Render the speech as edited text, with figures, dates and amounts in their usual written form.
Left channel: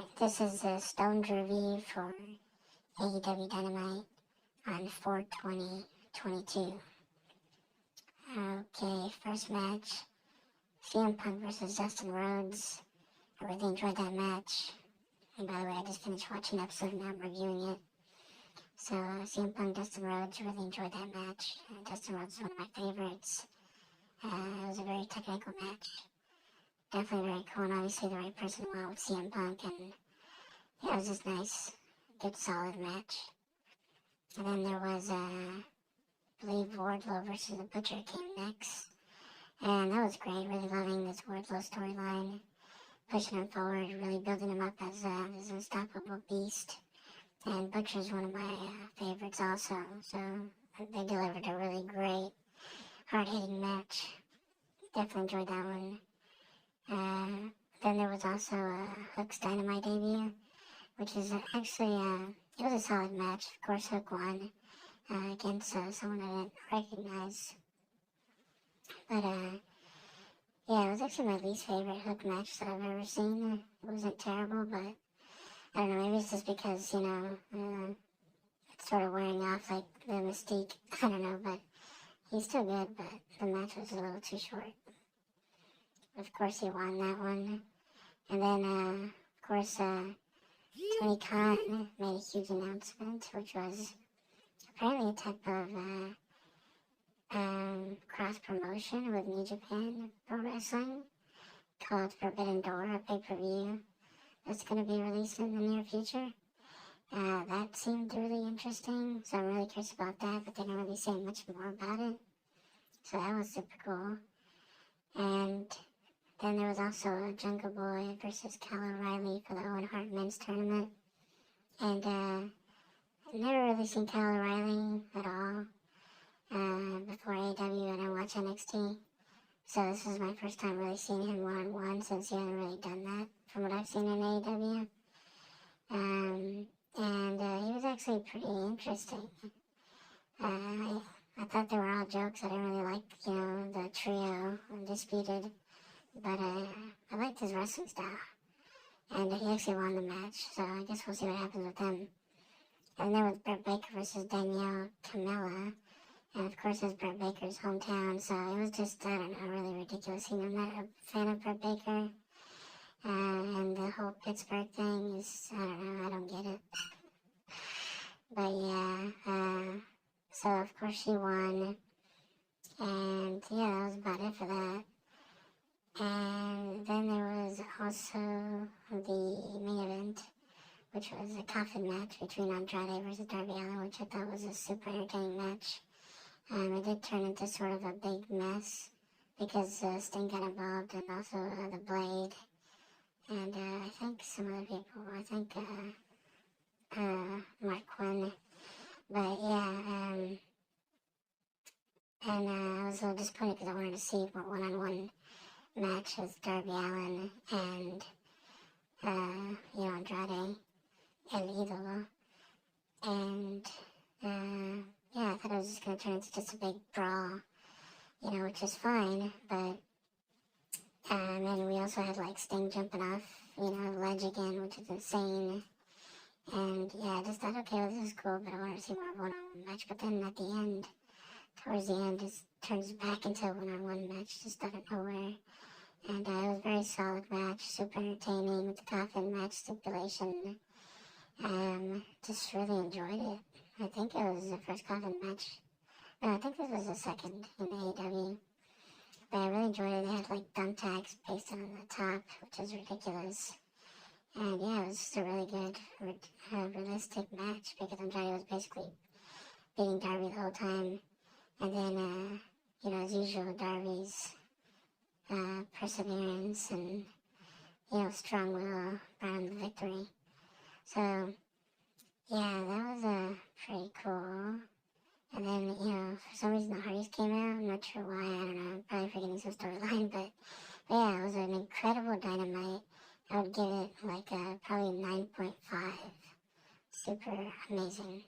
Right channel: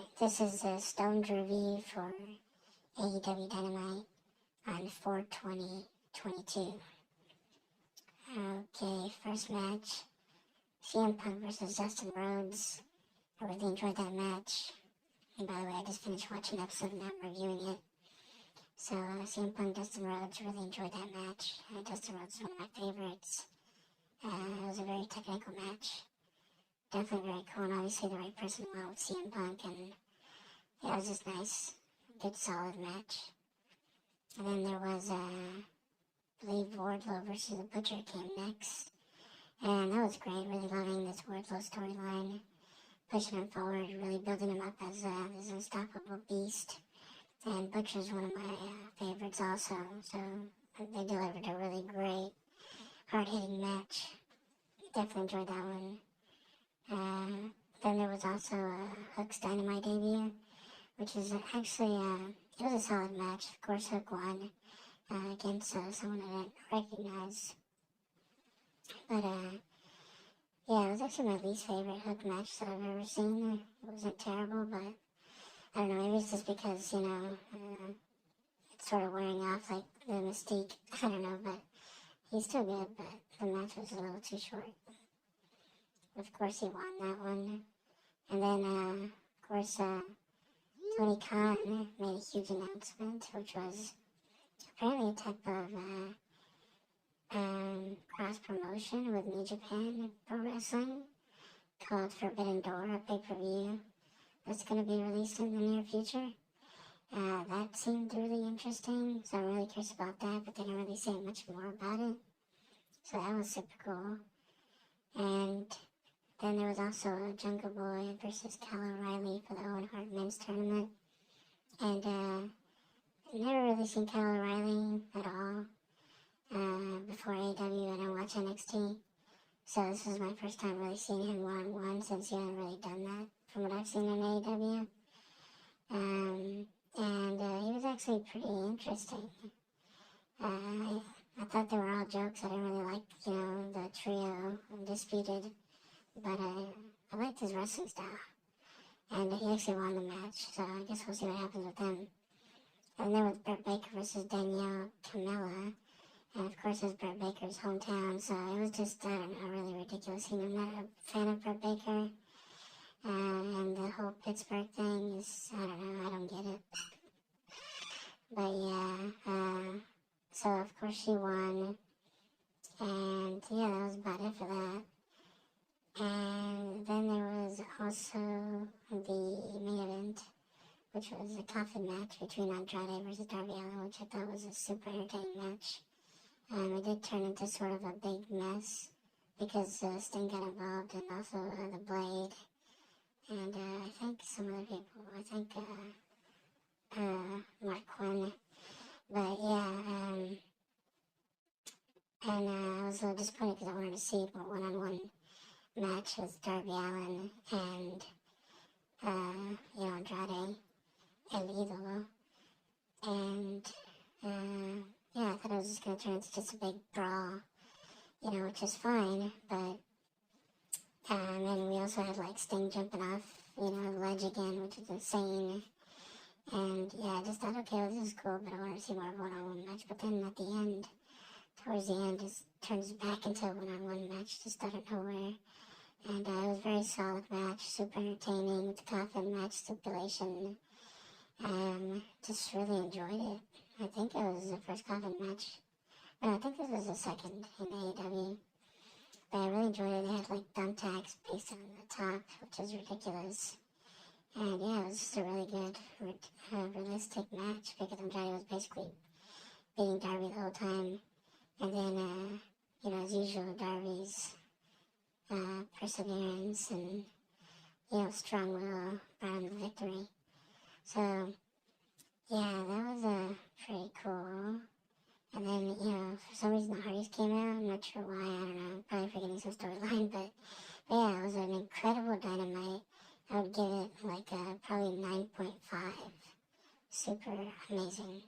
Alright, this is a Stone's review for AEW Dynamite on 4/20/22. Okay, first match, CM Punk versus Dustin Rhodes. I really enjoyed that match. And by the way, I just finished watching the episode and now I'm reviewing it. So, CM Punk, Dustin Rhodes, really enjoyed that match. Dustin Rhodes is one of my favorites. It was a very technical match. Definitely very cool, and obviously the right person went with CM Punk, and yeah, it was just nice, good, solid match. And then there was, I believe, Wardlow versus the Butcher came next, and that was great. Really loving this Wardlow storyline, pushing him forward, really building him up as this unstoppable beast. And Butcher's one of my favorites also, so they delivered a really great, hard-hitting match. Definitely enjoyed that one. Then there was also Hook's Dynamite debut, which is actually, it was a solid match. Of course, Hook won against someone I didn't recognize. But, yeah, it was actually my least favorite Hook match that I've ever seen. It wasn't terrible, but I don't know, maybe it's just because, it's sort of wearing off like the Mystique. I don't know, but he's still good, but the match was a little too short. Of course, he won that one. And then, of course, Tony Khan made a huge announcement, which was apparently a type of cross-promotion with New Japan Pro Wrestling called Forbidden Door, a pay-per-view that's going to be released in the near future. That seemed really interesting, so I'm really curious about that, but they didn't really say much more about it. So that was super cool. And then there was also Jungle Boy versus Kyle O'Reilly for the Owen Hart Men's Tournament. And I've never really seen Kyle O'Reilly at all before AEW, and I watch NXT. So this was my first time really seeing him one-on-one, since he hasn't really done that from what I've seen in AEW. And he was actually pretty interesting. I thought they were all jokes. I didn't really like, the trio, Undisputed. But I liked his wrestling style. And he actually won the match, so I guess we'll see what happens with them. And then there was Britt Baker versus Danielle Camella. And of course, it's Britt Baker's hometown, so it was just, I don't know, really ridiculous. I'm not a fan of Britt Baker. And the whole Pittsburgh thing is, I don't know, I don't get it. But yeah, so of course she won. And yeah, that was about it for that. And then there was also the main event, which was a coffin match between Andrade versus Darby Allin, which I thought was a super entertaining match. It did turn into sort of a big mess because Sting got involved, and also the Blade, and I think some other people, Mark Quinn. But yeah, and I was a little disappointed because I wanted to see more one-on-one match with Darby Allin and, Andrade El Idolo. And, yeah, I thought it was just going to turn into just a big brawl, which is fine, but, and we also had, Sting jumping off, the ledge again, which is insane. And, yeah, I just thought, okay, well, this is cool, but I want to see more of a one-on-one match. But then at the end, towards the end, it turns back into a one-on-one match, just out of nowhere. And it was a very solid match, super entertaining with the coffin match stipulation. Just really enjoyed it. I think it was the first coffin match. No, I think this was the second in AEW. But I really enjoyed it. They had thumbtacks based on the top, which is ridiculous. And yeah, it was just a really good, realistic match because Andrade was basically beating Darby the whole time. And then, as usual, Darby's perseverance and, strong will brought him the victory. So, yeah, that was pretty cool. And then, for some reason the Hardys came out. I'm not sure why, I don't know. I'm probably forgetting some storyline, but yeah, it was an incredible Dynamite. I would give it probably 9.5. Super amazing.